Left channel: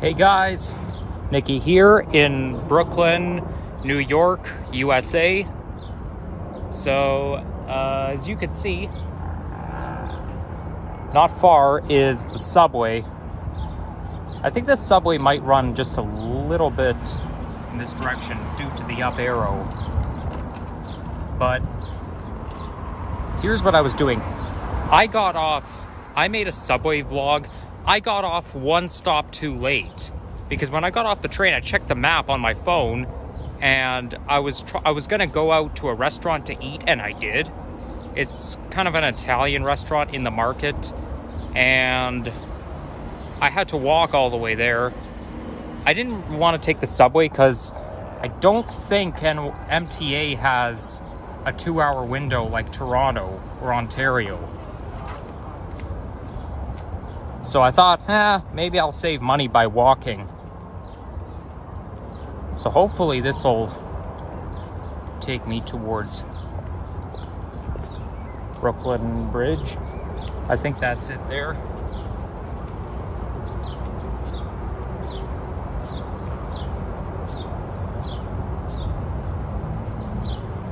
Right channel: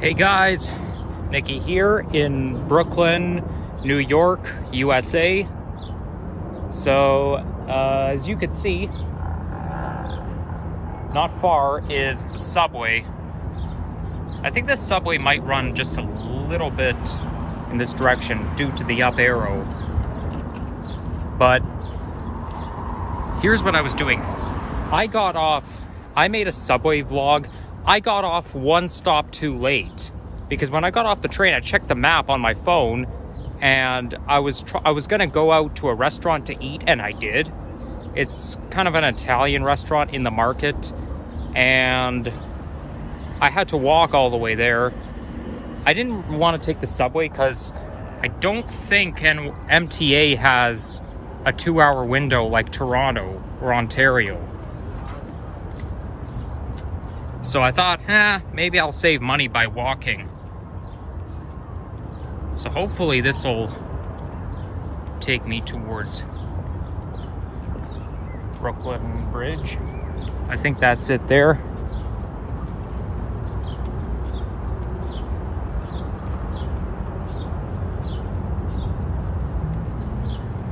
Hey guys, Nikki here in Brooklyn, New York, USA. So, as you can see, not far is the subway. I think this subway might run just a little bit in this direction due to the up arrow. But here's what I was doing. I made a subway vlog. I got off one stop too late because when I got off the train, I checked the map on my phone and I was gonna go out to a restaurant to eat, and I did. It's kind of an Italian restaurant in the market, and I had to walk all the way there. I didn't want to take the subway because I don't think MTA has a 2-hour window like Toronto or Ontario. So I thought, maybe I'll save money by walking. So hopefully this will take me towards Brooklyn Bridge. I think that's it there.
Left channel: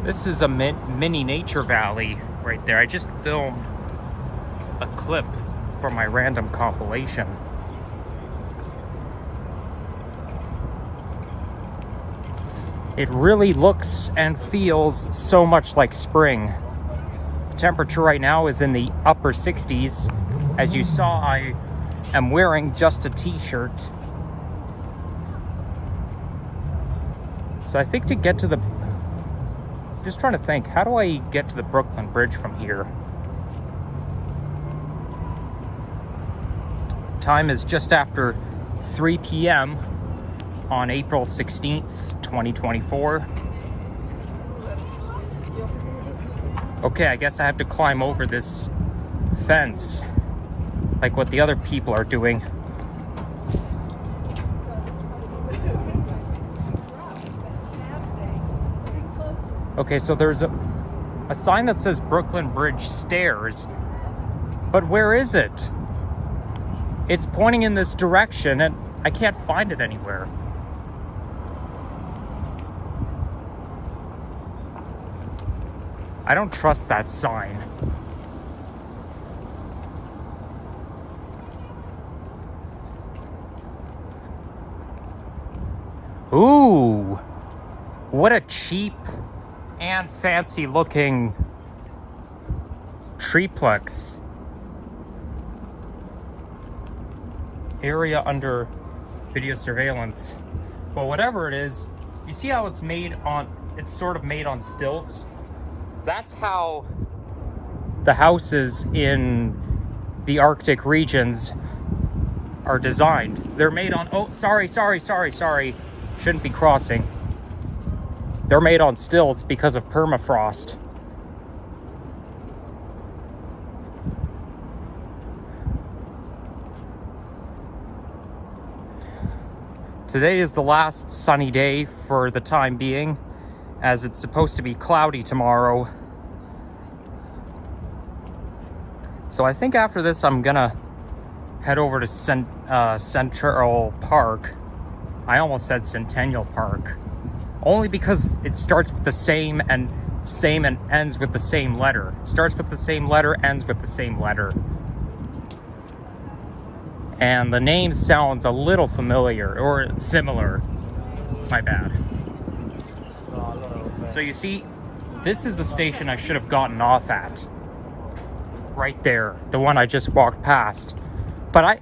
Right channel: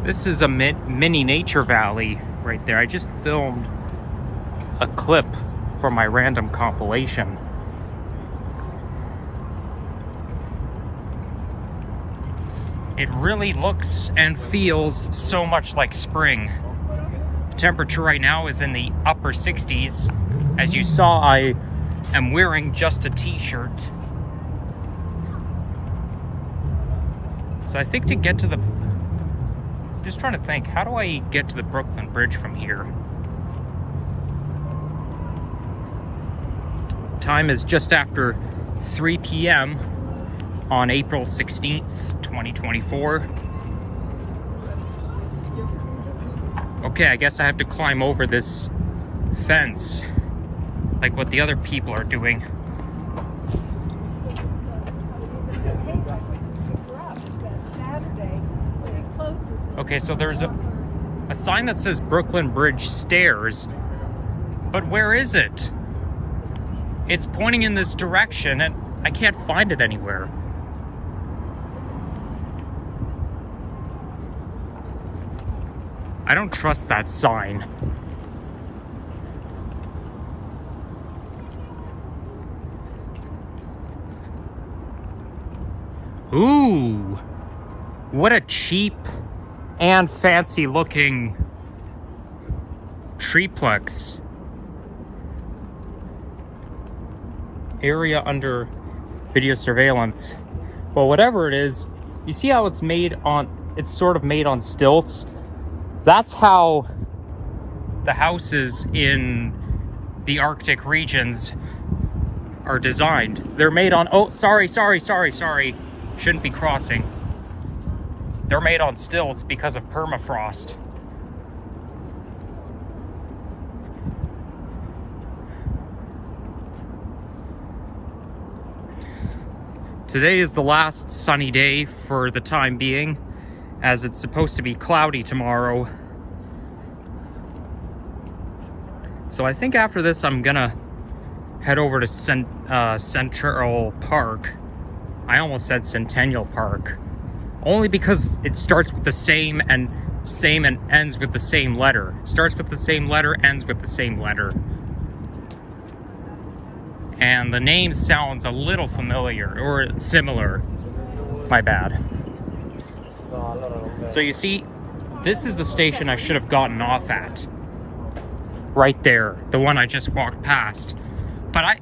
This is a mini nature valley right there. I just filmed a clip for my random compilation. It really looks and feels so much like spring. Temperature right now is in the upper 60s. As you saw, I am wearing just a t-shirt. So I think to get to the... Just trying to think, how do I get to the Brooklyn Bridge from here? Time is just after 3 p.m. on April 16th, 2024. Okay, I guess I have to climb over this fence like what the other people are doing. Okay, so there's a sign that says Brooklyn Bridge Stairs, but where is it? It's pointing in this direction and I can't find it anywhere. I don't trust that sign. Ooh, what a cheap and fancy looking triplex. Area under video surveillance. Well, whatever it is, you see how it's sort of made on stilts? That's how the houses in the Arctic regions are designed. They're made on, oh, sorry. Shouldn't be crossing. They're made on stilts because of permafrost. Today is the last sunny day for the time being, as it's supposed to be cloudy tomorrow. So I think after this I'm gonna head over to Central Park. I almost said Centennial Park. Only because it starts with the same and ends with the same letter. Starts with the same letter, ends with the same letter. And the name sounds a little familiar, or similar. My bad. So you see, this is the station I should have gotten off at. Right there, the one I just walked past. But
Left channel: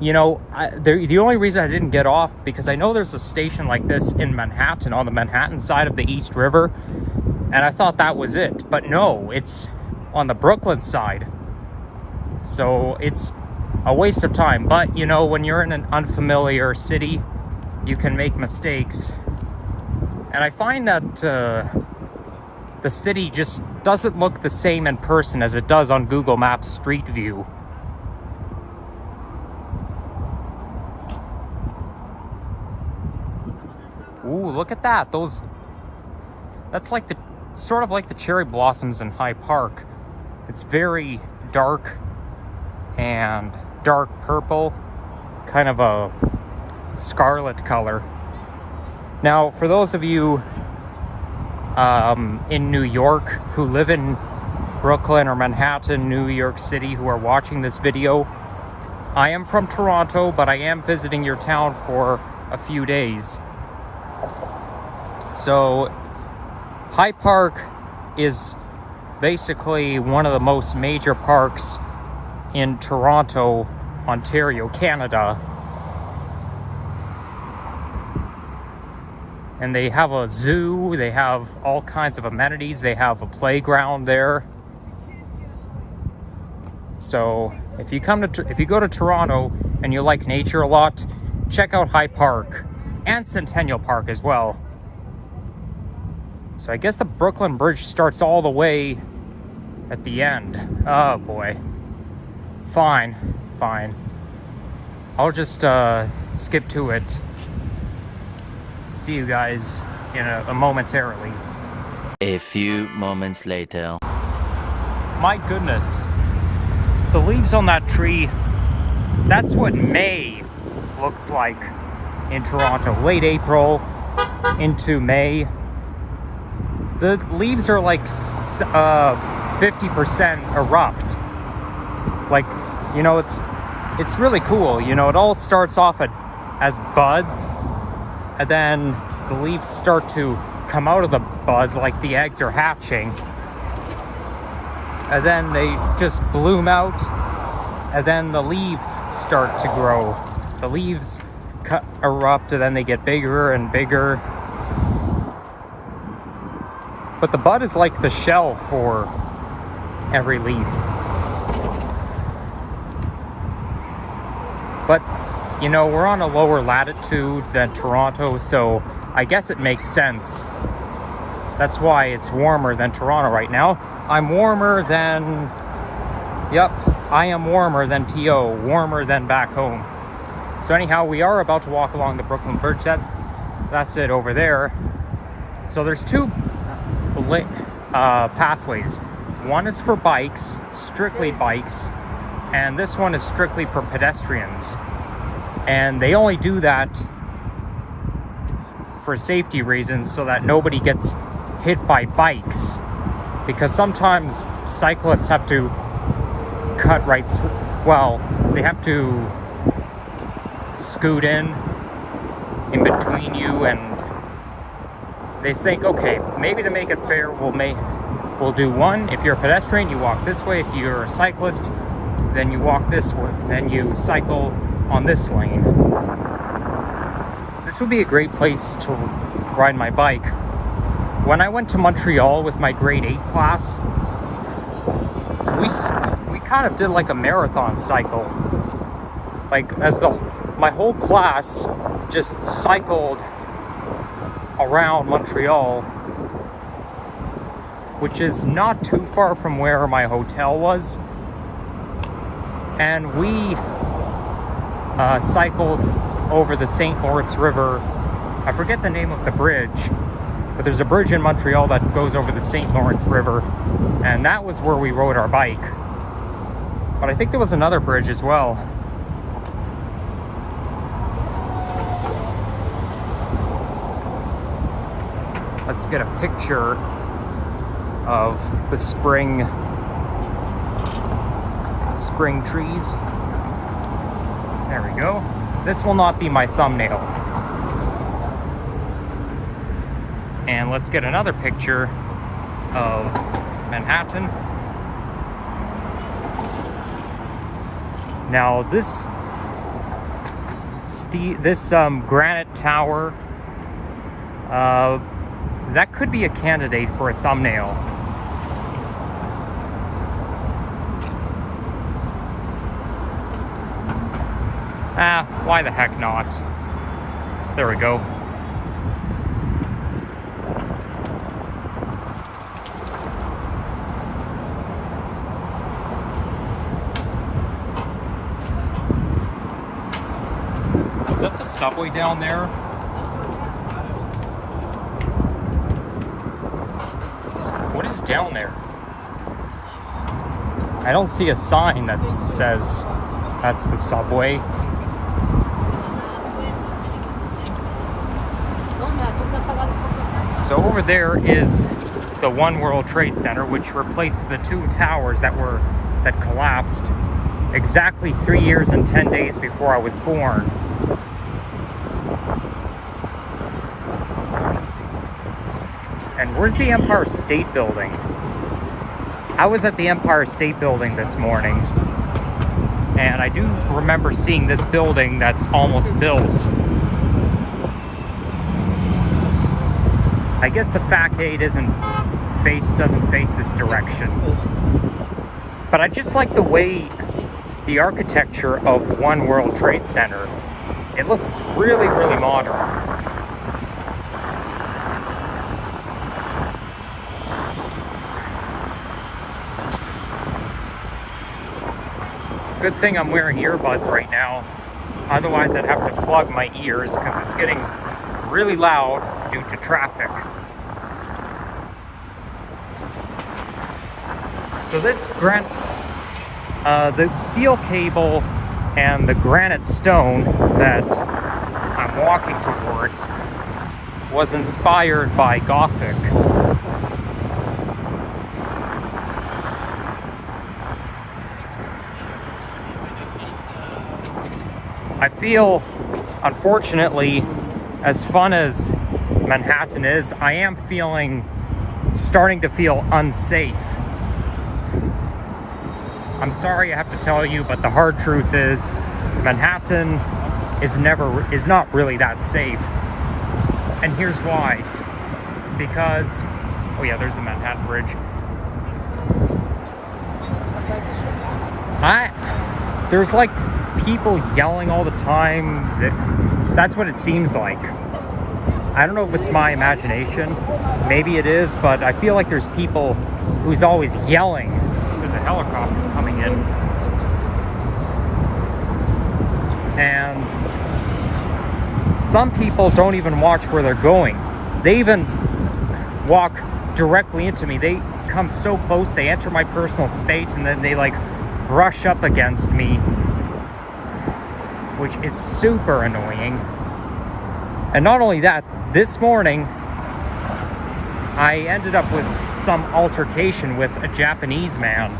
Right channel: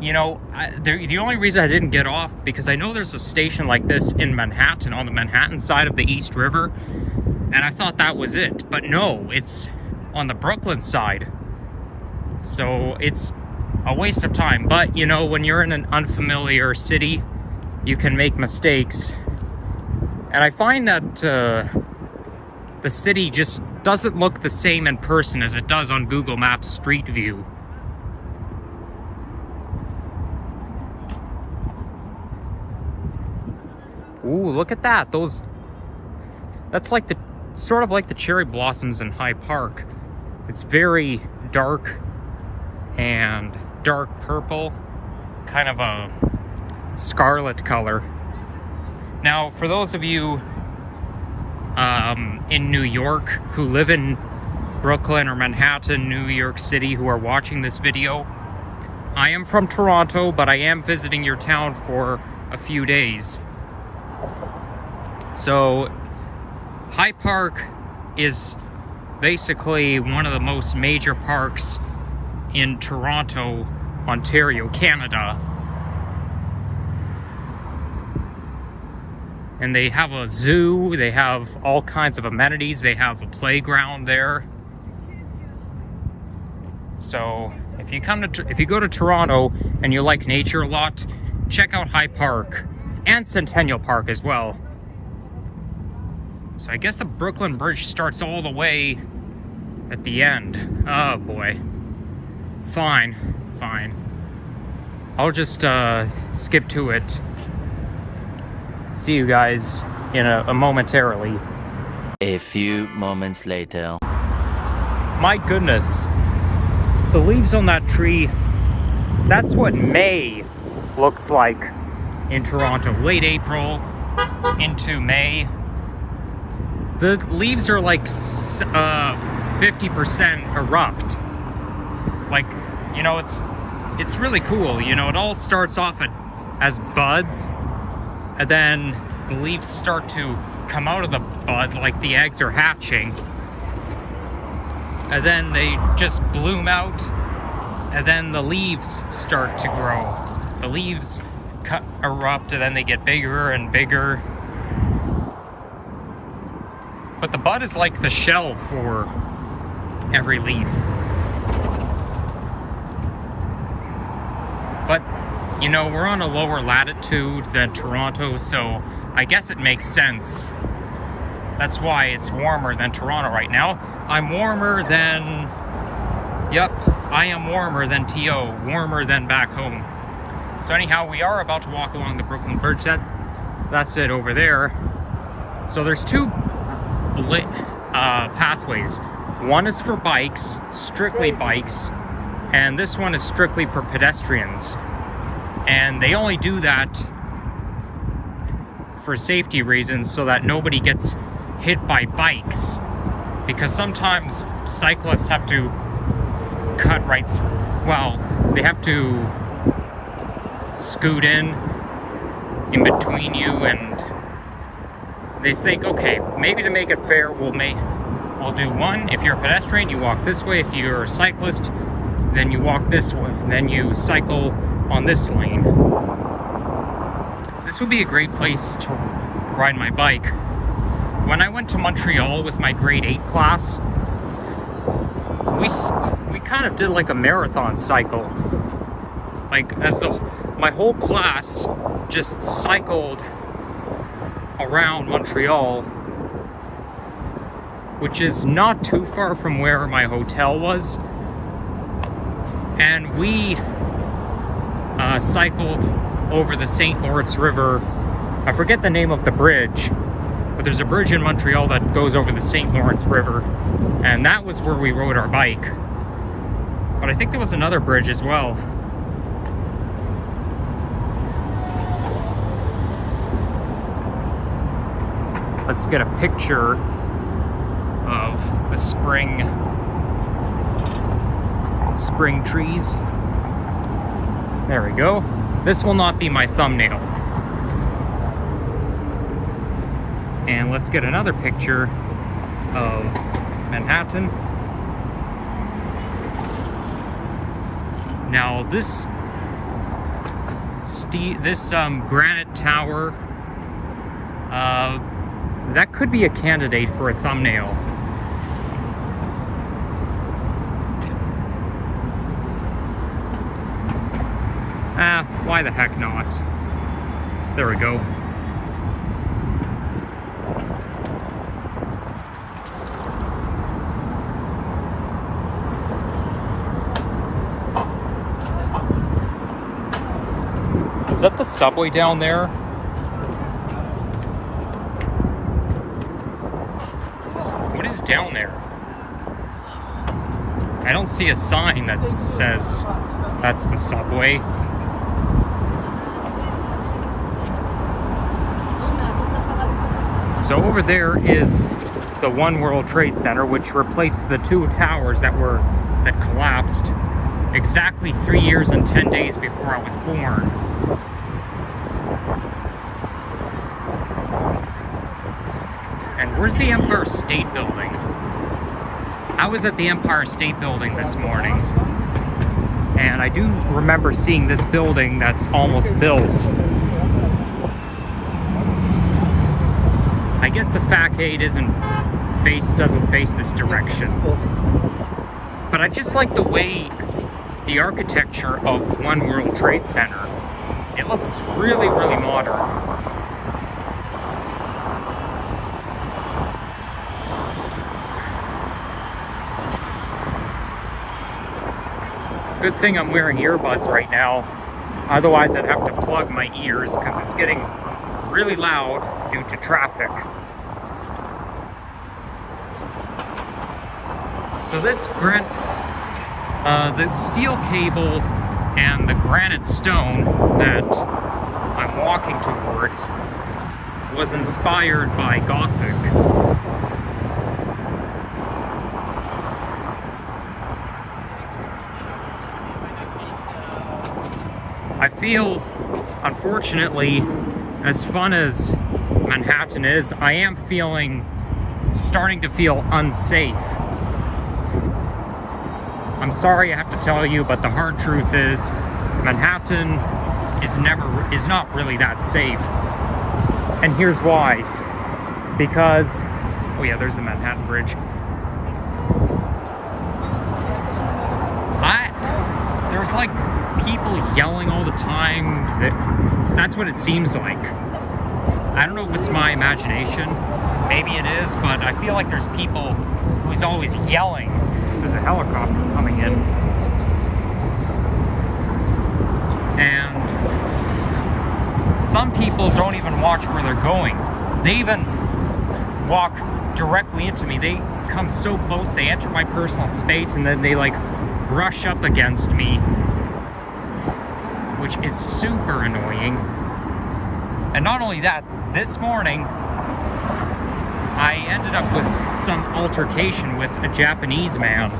the only reason I didn't get off, because I know there's a station like this in Manhattan, on the Manhattan side of the East River. And I thought that was it. But no, it's on the Brooklyn side. So it's a waste of time. But when you're in an unfamiliar city, you can make mistakes. And I find that the city just doesn't look the same in person as it does on Google Maps Street View. Ooh, look at that. That's like sort of like the cherry blossoms in Hyde Park. It's very dark and dark purple, kind of a scarlet color. Now, for those of you in New York who live in Brooklyn or Manhattan, New York City, who are watching this video, I am from Toronto, but I am visiting your town for a few days. So High Park is basically one of the most major parks in Toronto, Ontario, Canada. And they have a zoo, they have all kinds of amenities, they have a playground there. So if you go to Toronto and you like nature a lot, check out High Park and Centennial Park as well. So I guess the Brooklyn Bridge starts all the way at the end. Oh boy. Fine. I'll just skip to it. See you guys in a momentarily. A few moments later. My goodness. The leaves on that tree, that's what May looks like in Toronto. Late April into May. The leaves are like 50% erupt. Like, you know, it's really cool. You know, it all starts off as buds, and then the leaves start to come out of the buds like the eggs are hatching. And then they just bloom out, and then the leaves start to grow. The leaves erupt, and then they get bigger and bigger. But the bud is like the shell for every leaf. But, you know, we're on a lower latitude than Toronto, so I guess it makes sense. That's why it's warmer than Toronto right now. I'm warmer than... Yep, I am warmer than TO, warmer than back home. So anyhow, we are about to walk along the Brooklyn Bridge. That's it over there. So there's two pathways. One is for bikes, strictly bikes, and this one is strictly for pedestrians. And they only do that for safety reasons so that nobody gets hit by bikes. Because sometimes cyclists have to cut right through. Well, they have to scoot in between you, and they think, okay, maybe to make it fair, we'll do one. If you're a pedestrian, you walk this way. If you're a cyclist, then you walk this way. Then you cycle on this lane. This would be a great place to ride my bike. When I went to Montreal with my grade 8 class, we kind of did like a marathon cycle. Like, my whole class just cycled around Montreal, which is not too far from where my hotel was. And we cycled over the St. Lawrence River. I forget the name of the bridge, but there's a bridge in Montreal that goes over the St. Lawrence River, and that was where we rode our bike. But I think there was another bridge as well. Let's get a picture of the spring trees. There we go. This will not be my thumbnail. And let's get another picture of Manhattan. Now this granite tower, that could be a candidate for a thumbnail. Why the heck not? There we go. Is that the subway down there? What is down there? I don't see a sign that says that's the subway. So over there is the One World Trade Center, which replaced the two towers that collapsed exactly 3 years and 10 days before I was born. And where's the Empire State Building? I was at the Empire State Building this morning, and I do remember seeing this building that's almost built. I guess the facade doesn't face this direction. But I just like the way the architecture of One World Trade Center. It looks really, really modern. Good thing I'm wearing earbuds right now. Otherwise I'd have to plug my ears because it's getting really loud due to traffic. So this the steel cable and the granite stone that I'm walking towards was inspired by Gothic. I feel, unfortunately, as fun as Manhattan is, I am starting to feel unsafe. I'm sorry I have to tell you, but the hard truth is Manhattan is not really that safe. And here's why. Because, oh yeah, there's the Manhattan Bridge. There's like people yelling all the time. That's what it seems like. I don't know if it's my imagination. Maybe it is, but I feel like there's people who's always yelling. There's a helicopter coming in. And some people don't even watch where they're going. They even walk directly into me. They come so close, they enter my personal space, and then they like brush up against me, which is super annoying. And not only that, this morning I ended up with some altercation with a Japanese man.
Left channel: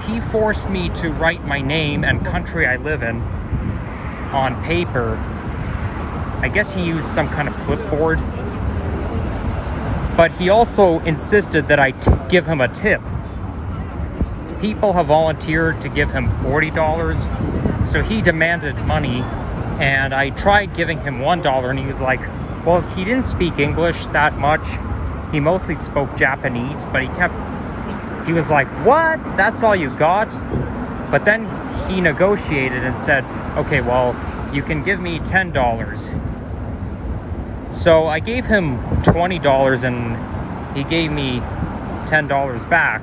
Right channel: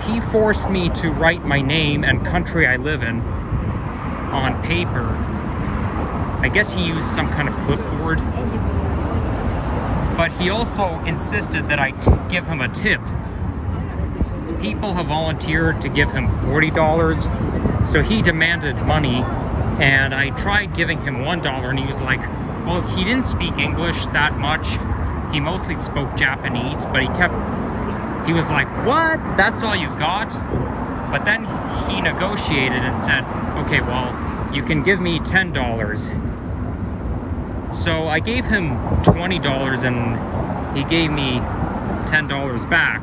He forced me to write my name and country I live in on paper. I guess he used some kind of clipboard. But he also insisted that I give him a tip. People have volunteered to give him $40, so he demanded money, and I tried giving him $1, and he was like, well, he didn't speak English that much. He mostly spoke Japanese, but he was like, what? That's all you got? But then he negotiated and said, okay, well, you can give me $10. So I gave him $20 and he gave me $10 back.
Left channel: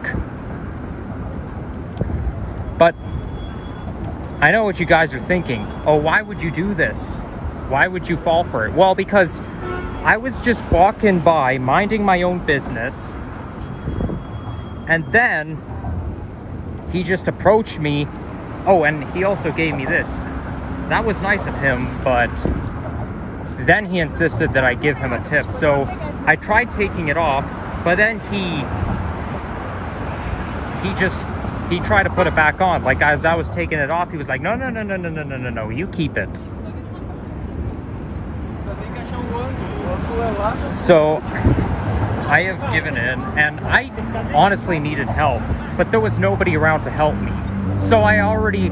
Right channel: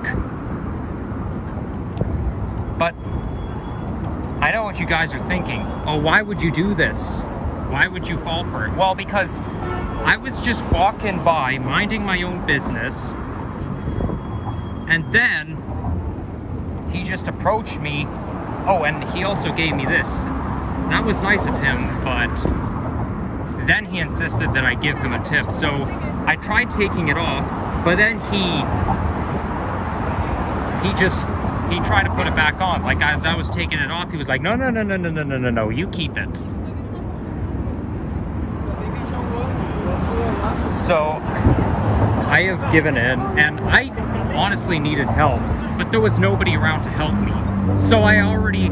But I know what you guys are thinking. Oh, why would you do this? Why would you fall for it? Well, because I was just walking by, minding my own business, and then he just approached me. Oh, and he also gave me this. That was nice of him, but then he insisted that I give him a tip. So I tried taking it off, but then he tried to put it back on. Like, as I was taking it off, he was like, no, you keep it. So I have given in, and I honestly needed help, but there was nobody around to help me. So I already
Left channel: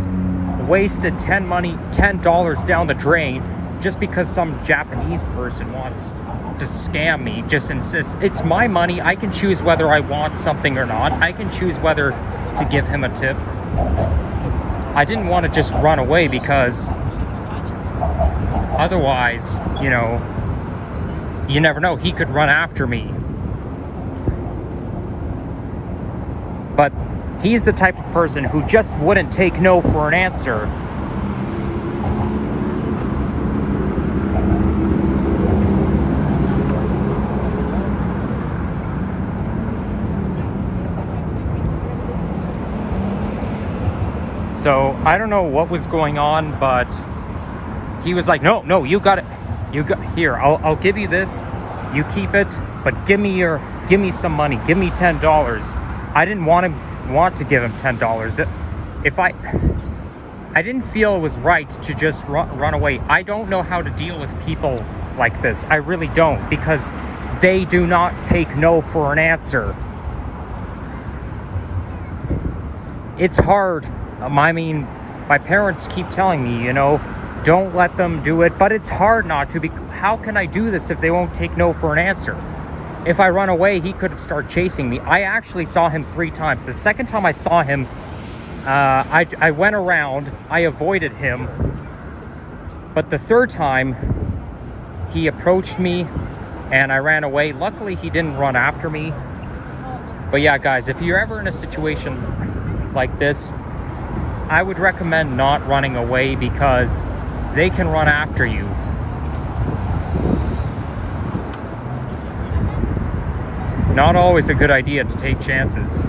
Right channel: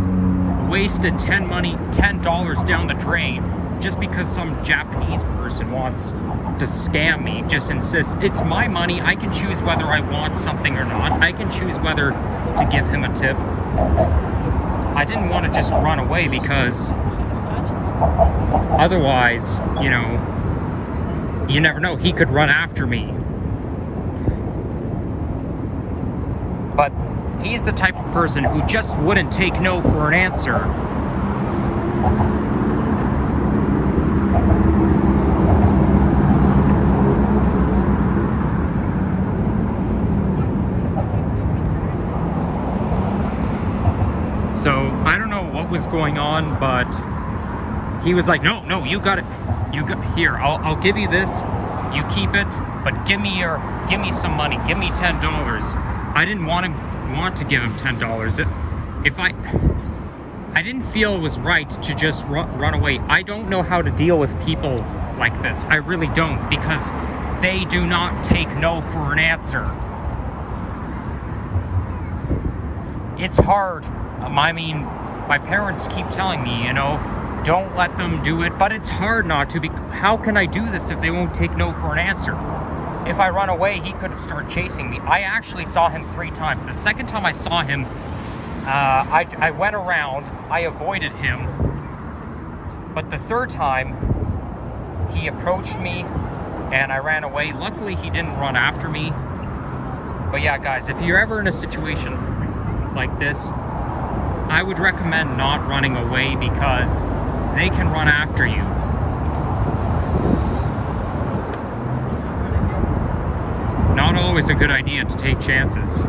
wasted $10 down the drain just because some Japanese person wants to scam me, just insists. It's my money. I can choose whether I want something or not. I can choose whether to give him a tip. I didn't want to just run away because otherwise, you know, you never know, he could run after me. But he's the type of person who just wouldn't take no for an answer. So I don't know what was going on, but he was like, no, you got it. Here, I'll give you this. you keep it, but give me some money. Give me $10. I didn't want to give him $10. If I didn't feel it was right to just run away. I don't know how to deal with people like this. I really don't, because they do not take no for an answer. It's hard. I mean, my parents keep telling me, you know, don't let them do it, but it's hard not to. How can I do this if they won't take no for an answer? If I run away, he could start chasing me. I actually saw him 3 times. The second time I saw him, I went around, I avoided him, but the third time, he approached me, and I ran away. Luckily, he didn't run after me. But yeah, guys, if you're ever in a situation like this, I would recommend not running away, because they can run after you. Not always a good idea to take chances.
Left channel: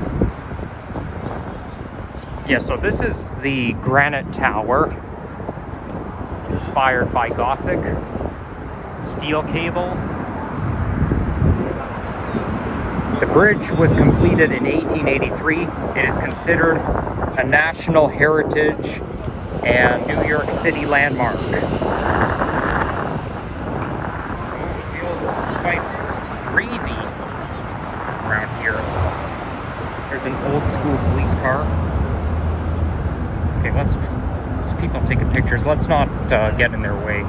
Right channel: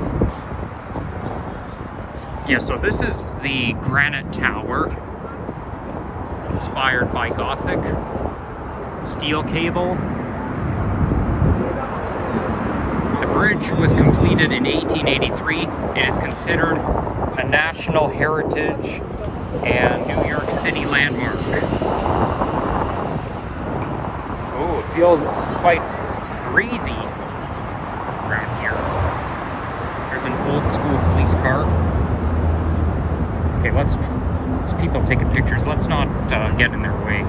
Yeah, so this is the Granite Tower, inspired by Gothic. Steel cable. The bridge was completed in 1883. It is considered a National Heritage and New York City landmark. Oh, it feels quite breezy around here. There's an old school police car. Okay, there's people taking pictures. Let's not get in their way.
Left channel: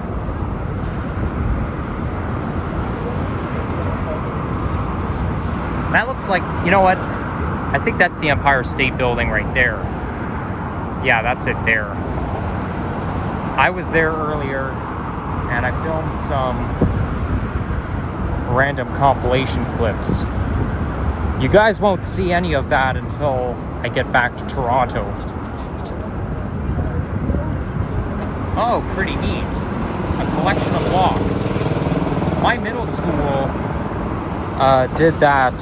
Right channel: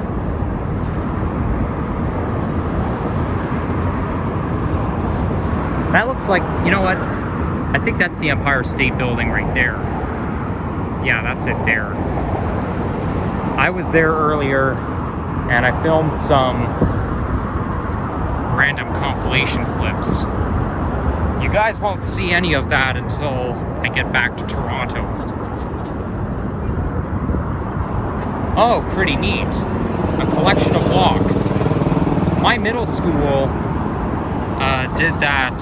That looks like, you know what? I think that's the Empire State Building right there. Yeah, that's it there. I was there earlier, and I filmed some random compilation clips. You guys won't see any of that until I get back to Toronto. Oh, pretty neat. A collection of locks. My middle school did that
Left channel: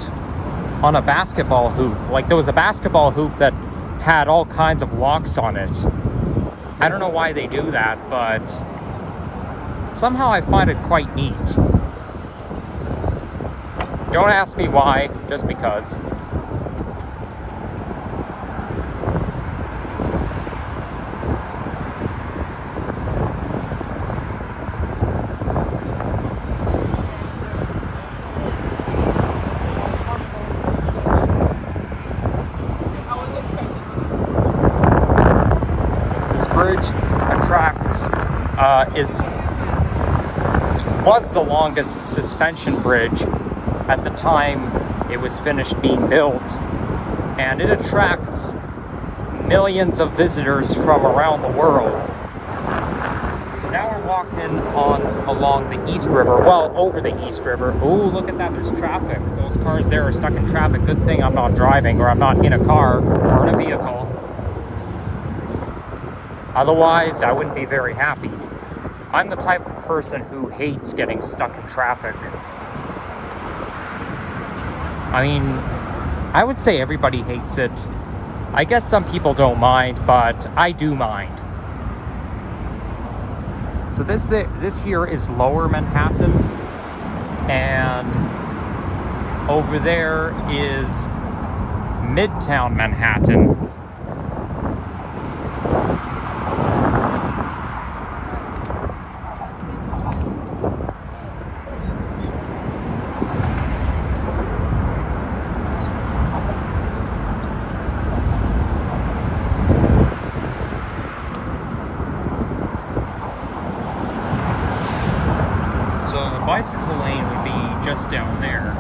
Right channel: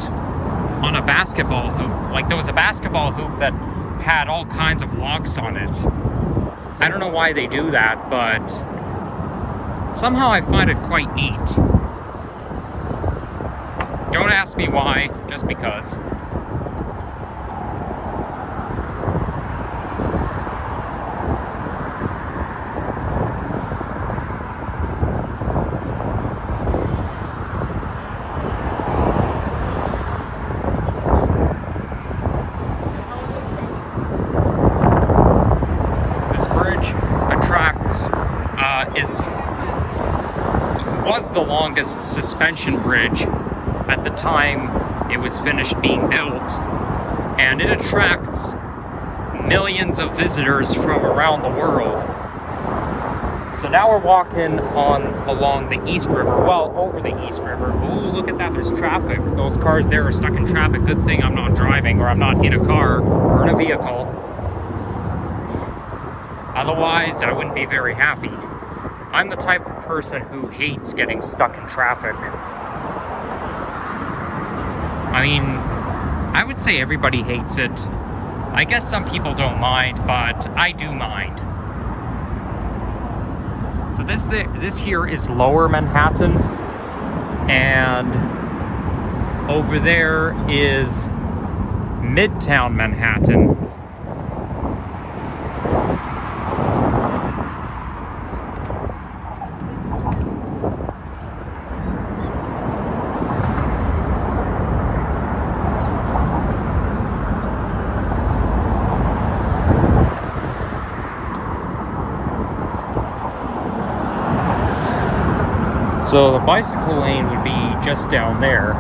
on a basketball hoop. Like, there was a basketball hoop that had all kinds of locks on it. I don't know why they do that, but somehow I find it quite neat. Don't ask me why, just because. Was the longest suspension bridge at the time it was finished being built, and it attracts millions of visitors from around the world. So now we're walking along the East River, well, over the East River. Ooh, look at that, there's traffic. Those cars there are stuck in traffic. Good thing I'm not driving, or I'm not in a car or in a vehicle. Otherwise, I wouldn't be very happy. I'm the type of person who hates getting stuck in traffic. I mean, I would say everybody hates it. I guess some people don't mind, but I do mind. So this here is Lower Manhattan, and over there is Midtown Manhattan. So the bicycle lane would be just down there.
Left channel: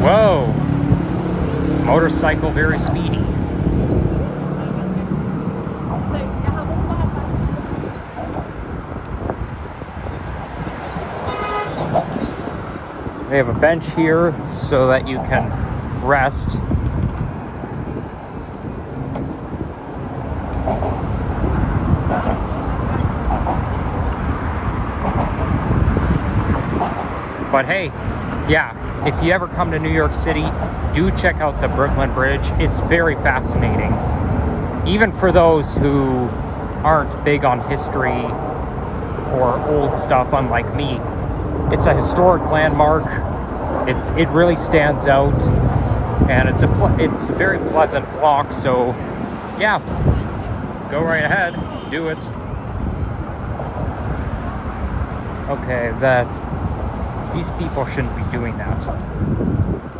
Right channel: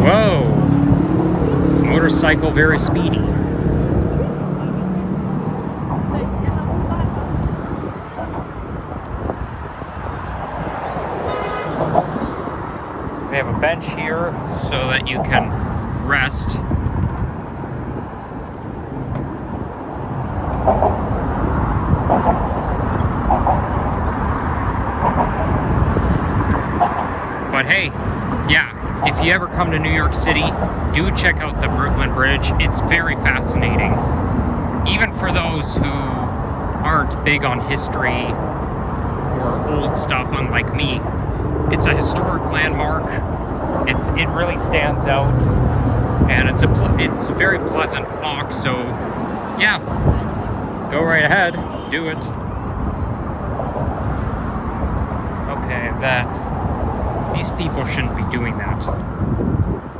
Whoa! Motorcycle very speedy. They have a bench here so that you can rest. But hey, yeah, if you ever come to New York City, do check out the Brooklyn Bridge. It's very fascinating. Even for those who aren't big on history or old stuff, unlike me. It's a historic landmark. It really stands out, and it's a very pleasant walk. So, yeah, go right ahead, do it. Okay, these people shouldn't be doing that,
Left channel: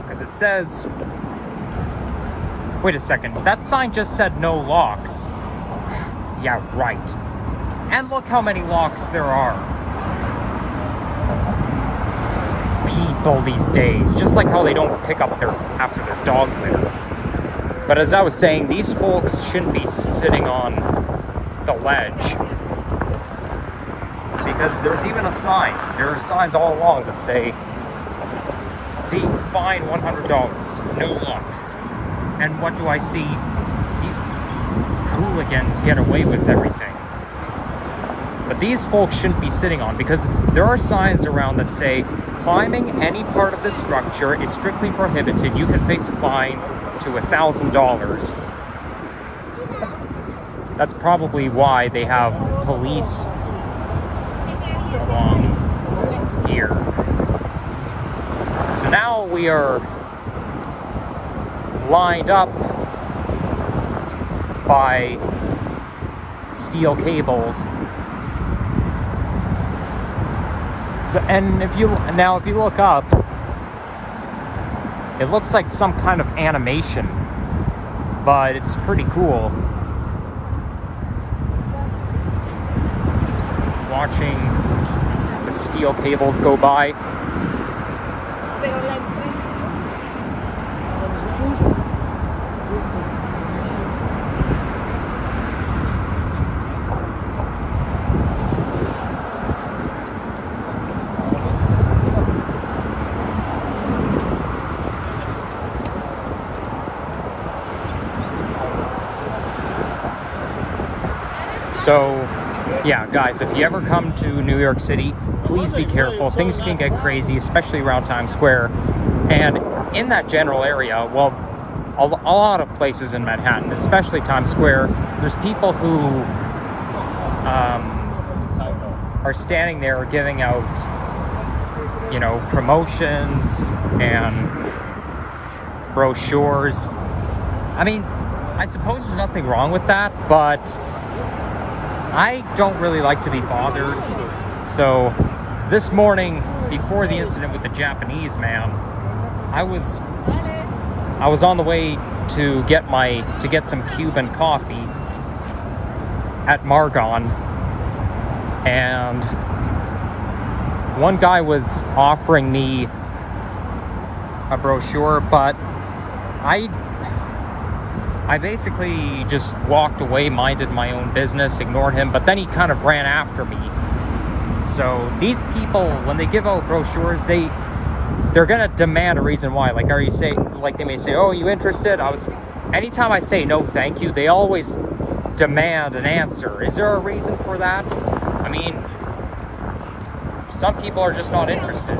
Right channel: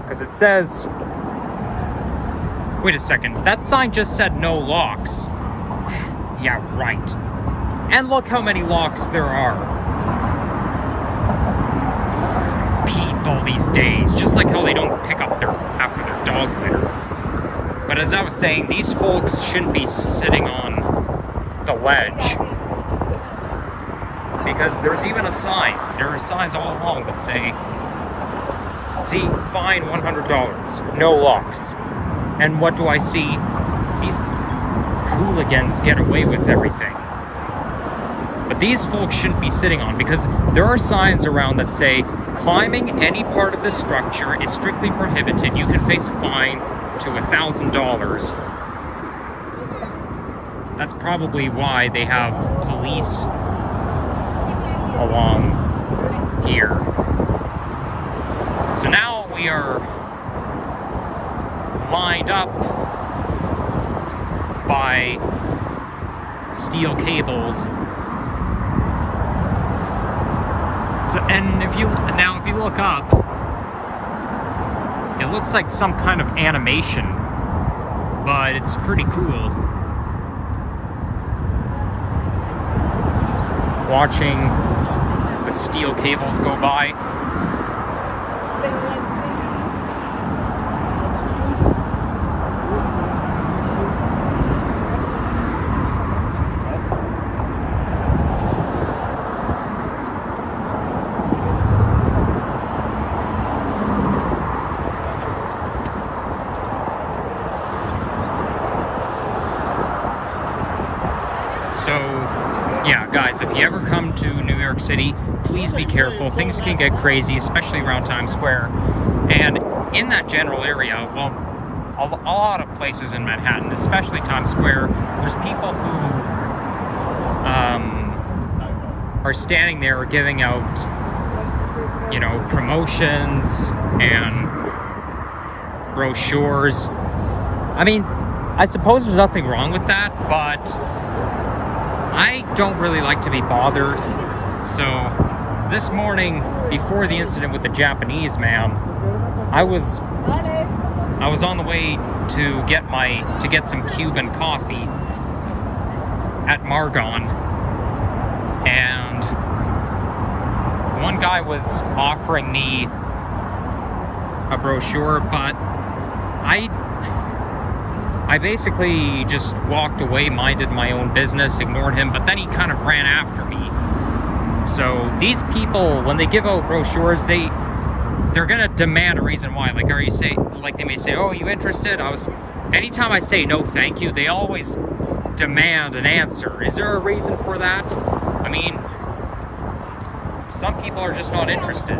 because it says. Wait a second, that sign just said no locks. Yeah, right. And look how many locks there are. People these days, just like how they don't pick up after their dog litter. But as I was saying, these folks shouldn't be sitting on the ledge, because there's even a sign. There are signs all along that say, see, fine $100, no locks. And what do I see? These hooligans get away with everything. But these folks shouldn't be sitting on, because there are signs around that say climbing any part of the structure is strictly prohibited. You can face a fine to $1,000. That's probably why they have police along here. So now we are lined up by steel cables. So, and if you look up, it looks like some kind of animation, but it's pretty cool. Watching the steel cables go by. So, yeah, guys, if you ever come to New York City, please be careful. Things can get crazy, especially around Times Square. And in that general area, well, a lot of places in Manhattan, especially Times Square, there's people who are standing there giving out, you know, promotions and brochures. I mean, I suppose there's nothing wrong with that, but I don't really like to be bothered. So this morning, before the incident with the Japanese man, I was on the way to get some Cuban coffee at Margon, and one guy was offering me a brochure, but I basically just walked away, minded my own business, ignored him, but then he kind of ran after me. So these people, when they give out brochures, they're gonna demand a reason why. Like, they may say, "Oh, you interested?" Anytime I say no, thank you, they always demand an answer. Is there a reason for that? I mean, some people are just not interested.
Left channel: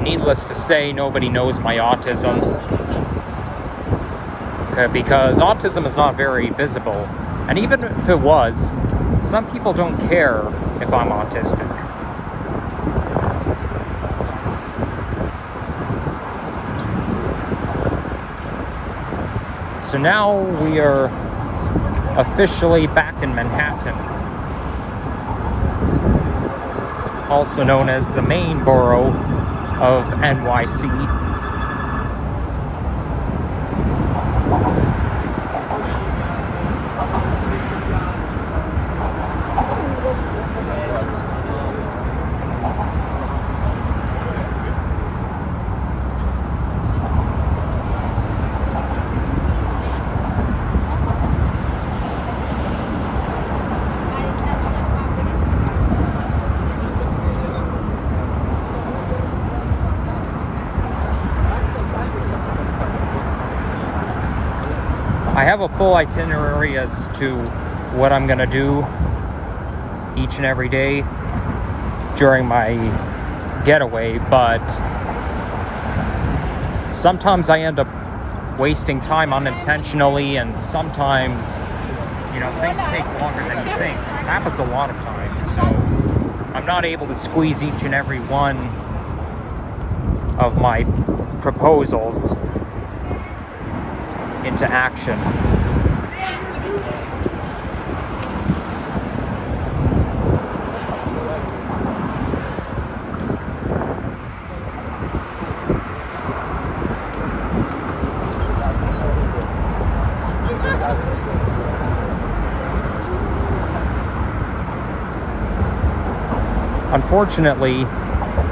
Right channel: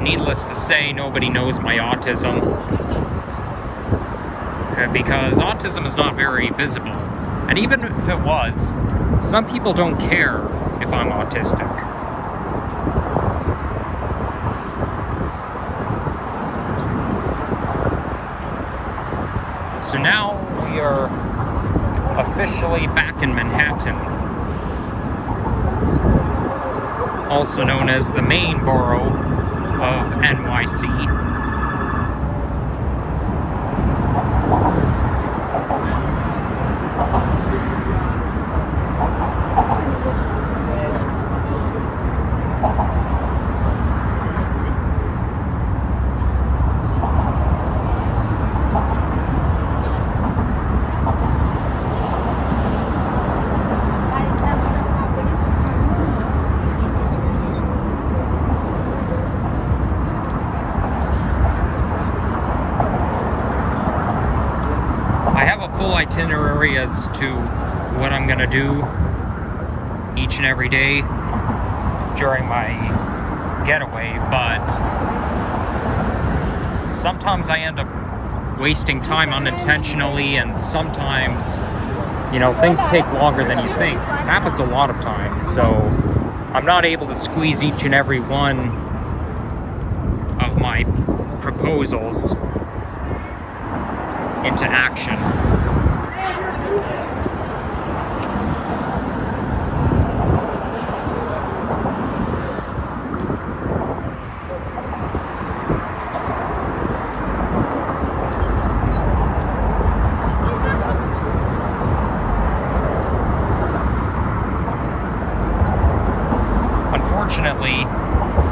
Needless to say, nobody knows my autism, because autism is not very visible. And even if it was, some people don't care if I'm autistic. So now we are officially back in Manhattan, also known as the main borough of NYC. Full itinerary as to what I'm gonna do each and every day during my getaway, but sometimes I end up wasting time unintentionally, and sometimes, you know, things take longer than you think. It happens a lot of times, so I'm not able to squeeze each and every one of my proposals into action. Unfortunately,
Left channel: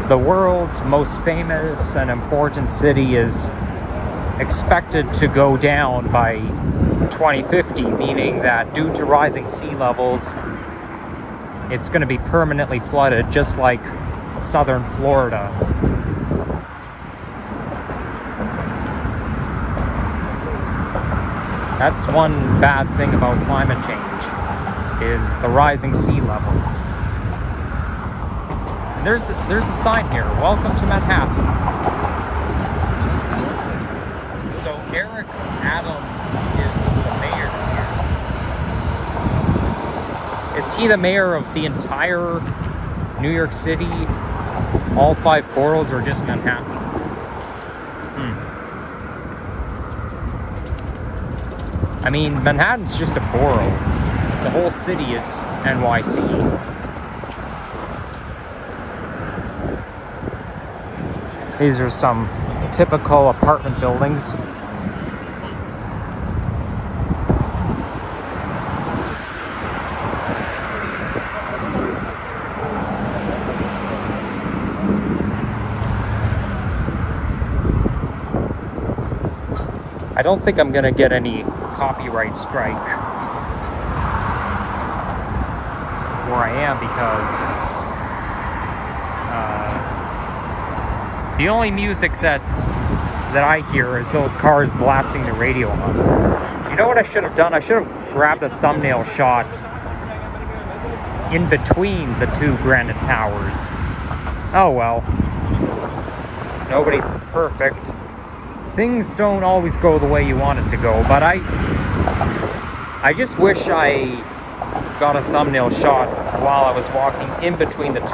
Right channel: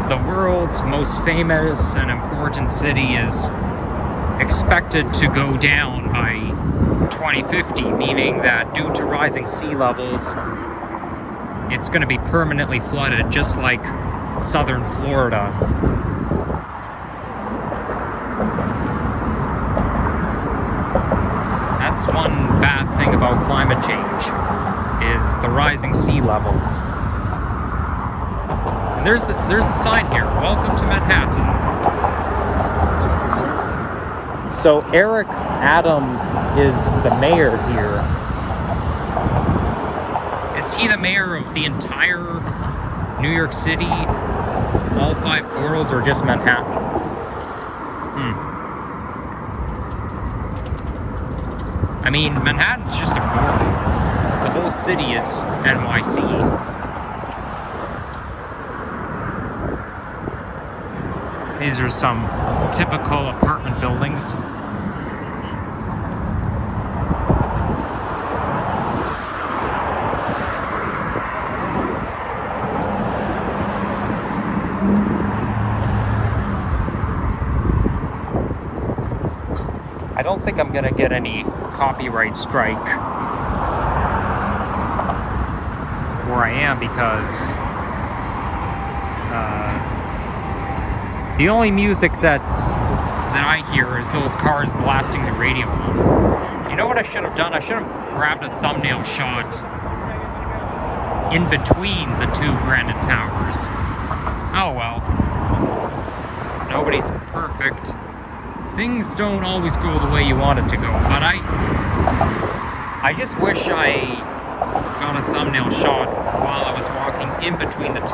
the world's most famous and important city is expected to go down by 2050, meaning that due to rising sea levels, it's going to be permanently flooded, just like southern Florida. That's one bad thing about climate change, is the rising sea levels. And there's a sign here, welcome to Manhattan. So Eric Adams is the mayor here. Is he the mayor of the entire New York City, all 5 boroughs, or just Manhattan? I mean, Manhattan's just a borough. The whole city is NYC. These are some typical apartment buildings. I don't think I'm gonna get any copyright strike where I am, because the only music that I hear is those cars blasting the radio on. You know what I should have done? I should have grabbed a thumbnail shot in between the 2 granite towers. Oh well. Nobody's perfect. Things don't always go the way you want it to go, but I just wish I got a thumbnail shot while I was walking in between the 2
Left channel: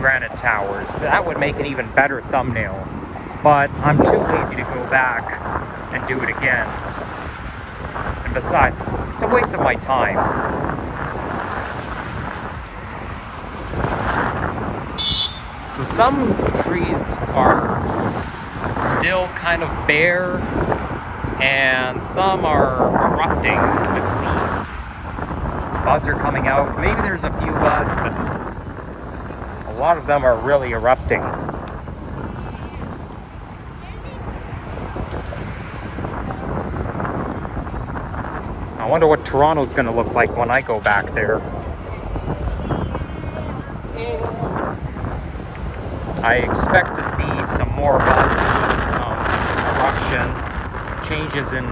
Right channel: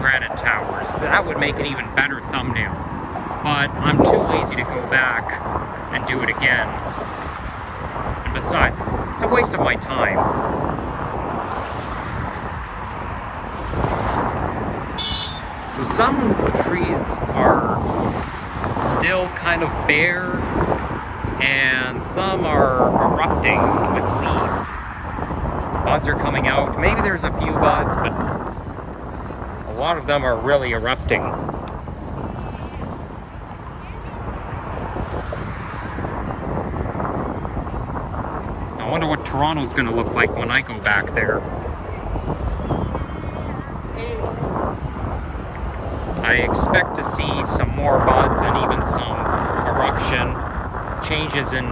granite towers. That would make an even better thumbnail, but I'm too lazy to go back and do it again. And besides, it's a waste of my time. So some trees are still kind of bare, and some are erupting with leaves. Buds are coming out. Maybe there's a few buds, but a lot of them are really erupting. I wonder what Toronto's going to look like when I go back there. I expect to see some more buds and even some eruption, changes in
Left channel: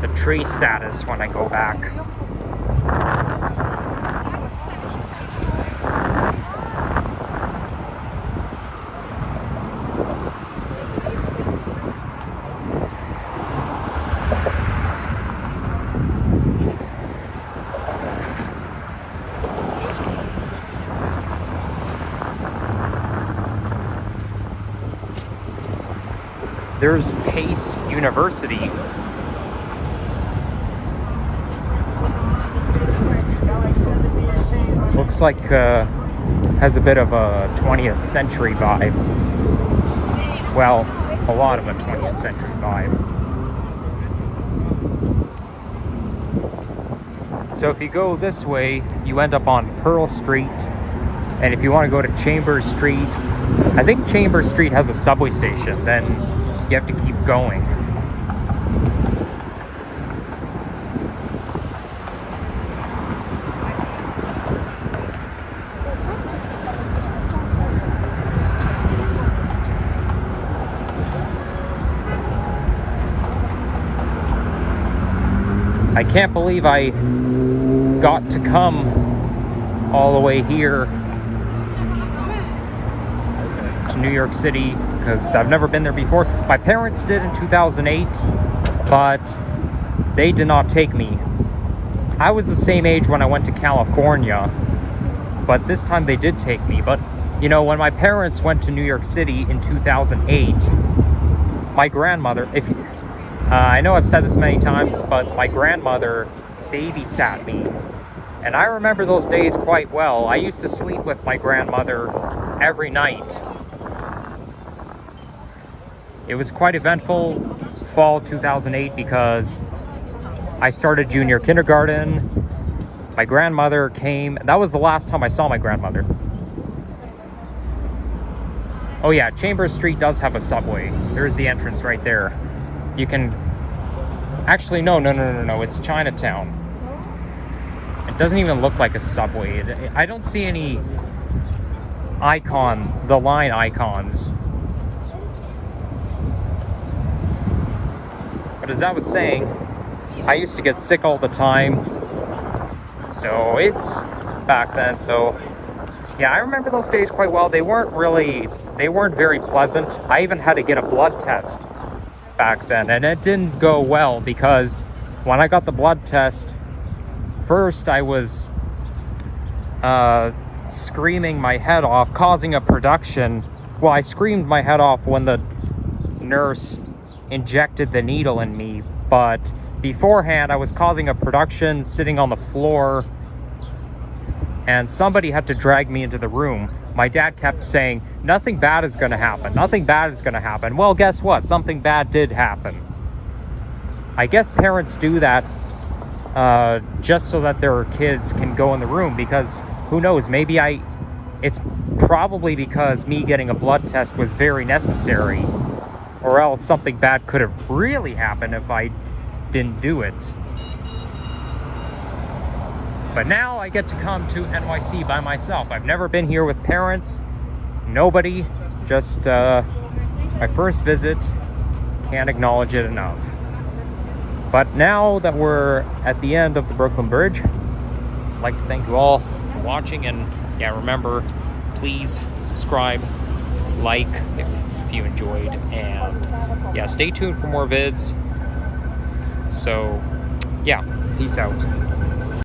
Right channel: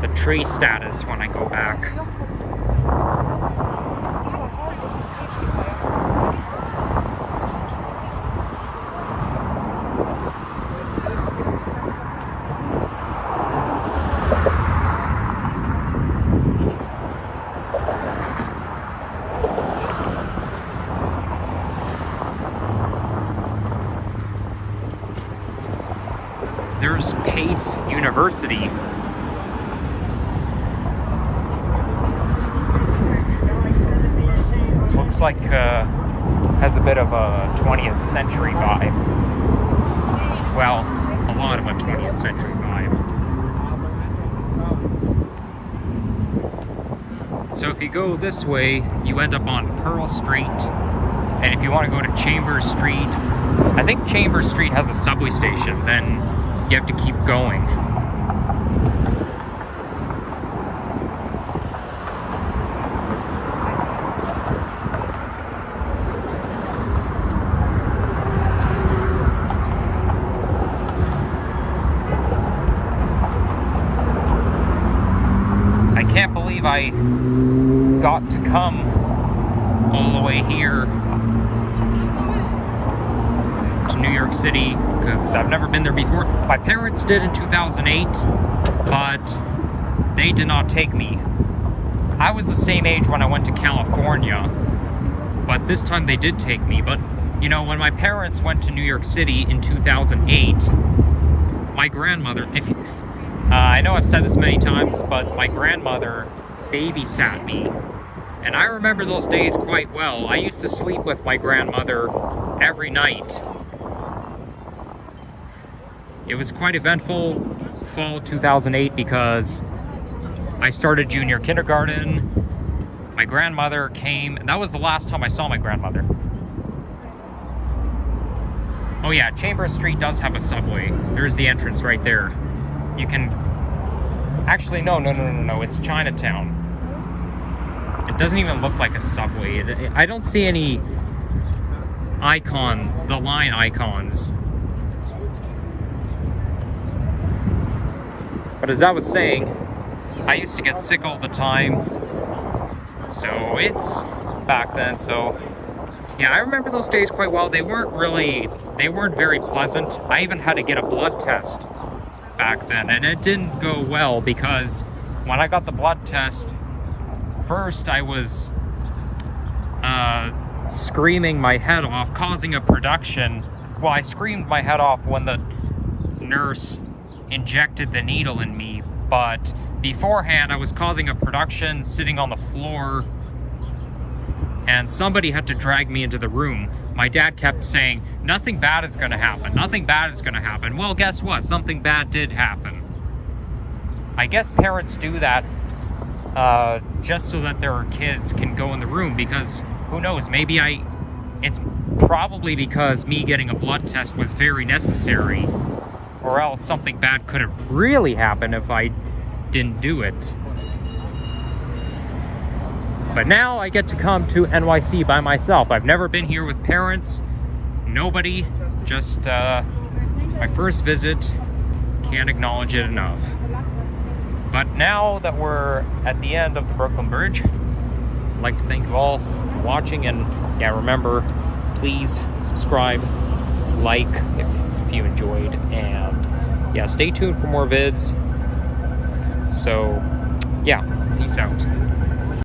the tree status when I go back. There's Pace University. Looks like has a bit of a 20th century vibe. Well, a lot of a 20th century vibe. So if you go this way, you end up on Pearl Street. And if you want to go to Chambers Street, I think Chambers Street has a subway station, then you have to keep going. I can't believe I got to come all the way here to to New York City because I've never been there before. My parents did in 2008, but they did not take me. I was the same age when I went to California, but this time they did take me. But, you know, when my parents went to New York City in 2008, my grandmother, I know I've said this many times, but my grandmother babysat me. And I remember those days quite well. I used to sleep with my grandmother every night. It was quite eventful fall 2008 because I started junior kindergarten. My grandmother came. That was the last time I saw my grandmother. Oh yeah, Chambers Street does have a subway. There's the entrance right there. You can... Actually, no. It's Chinatown. It doesn't even look like a subway. I don't see any the line icons. But as I was saying, I used to get sick all the time. So it's back then. So yeah, I remember those days quite well. They weren't very pleasant. I even had to get a blood test back then, and it didn't go well because when I got the blood test, first I was screaming my head off, causing a production. Well, I screamed my head off when the nurse injected the needle in me, but beforehand I was causing a production sitting on the floor, and somebody had to drag me into the room. My dad kept saying, nothing bad is going to happen, nothing bad is going to happen. Well, guess what? Something bad did happen. I guess parents do that just so that their kids can go in the room, because who knows, it's probably because me getting a blood test was very necessary, or else something bad could have really happened if I didn't do it. But now I get to come to NYC by myself. I've never been here with parents, nobody, just my first visit. Can't acknowledge it enough. But now that we're at the end of the Brooklyn Bridge, I'd like to thank you all for watching, and yeah, remember, please subscribe, like if you enjoyed, and yeah, stay tuned for more vids. So yeah, peace out.